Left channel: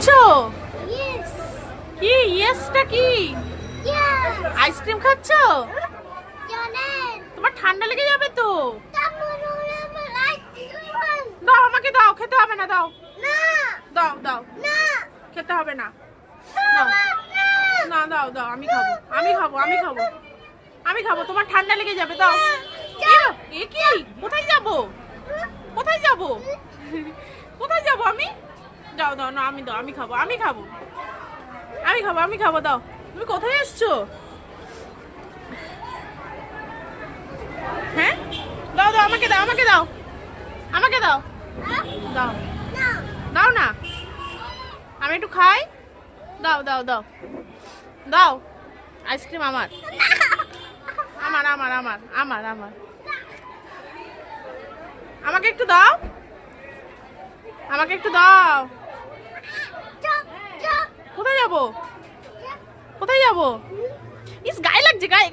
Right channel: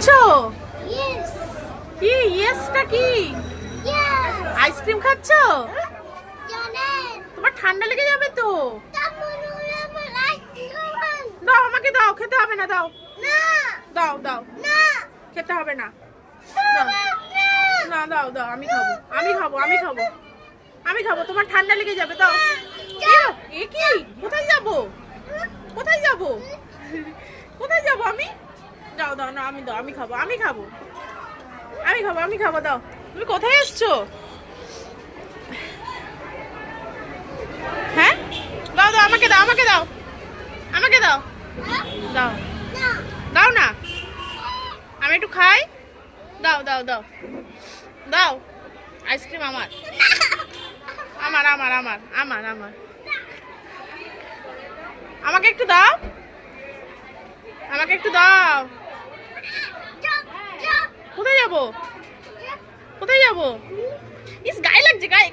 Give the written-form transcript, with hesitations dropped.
খাচ্ছ? কি ইয়েসটা কি? আইসক্রিম খাচ্ছ? তোমার ঠান্ডা লেগে যাবে তো। দাও আমাকে, দাও, খেতে হবে না, দাও দাও দাও, খেতে হবে না, দাও না, দাও দাও, আমি খাবো, আমি খাবো, আমি খাবো, আমি খাবো, তোমার ঠান্ডা লেগে যাবে, দাও। এ কি? কোথায় যাবো? কোথায় যাবো? কোথায় যাবো আমি? দাও দাও, না আমি, দাও, আমি খাবো, আমি খাবো, আমি খাবো, আমি খাবো, দাও। তুমি কোথায় এসছো? হ্যাঁ, দাও দাও, আমাকে দাও, আমাকে দাও, আমাকে দাও, দাও দাও না, আমি একটু খাই, দাও দাও দাও দাও। আইসক্রিম আমার, আমার আমার আমার আমার আমার, আমাকে একটু দাও, আমাকে একটু দাও। কোথায় যাবো? কোথায় যাবো? ইস, গায়ে লাগছে, গায়ে।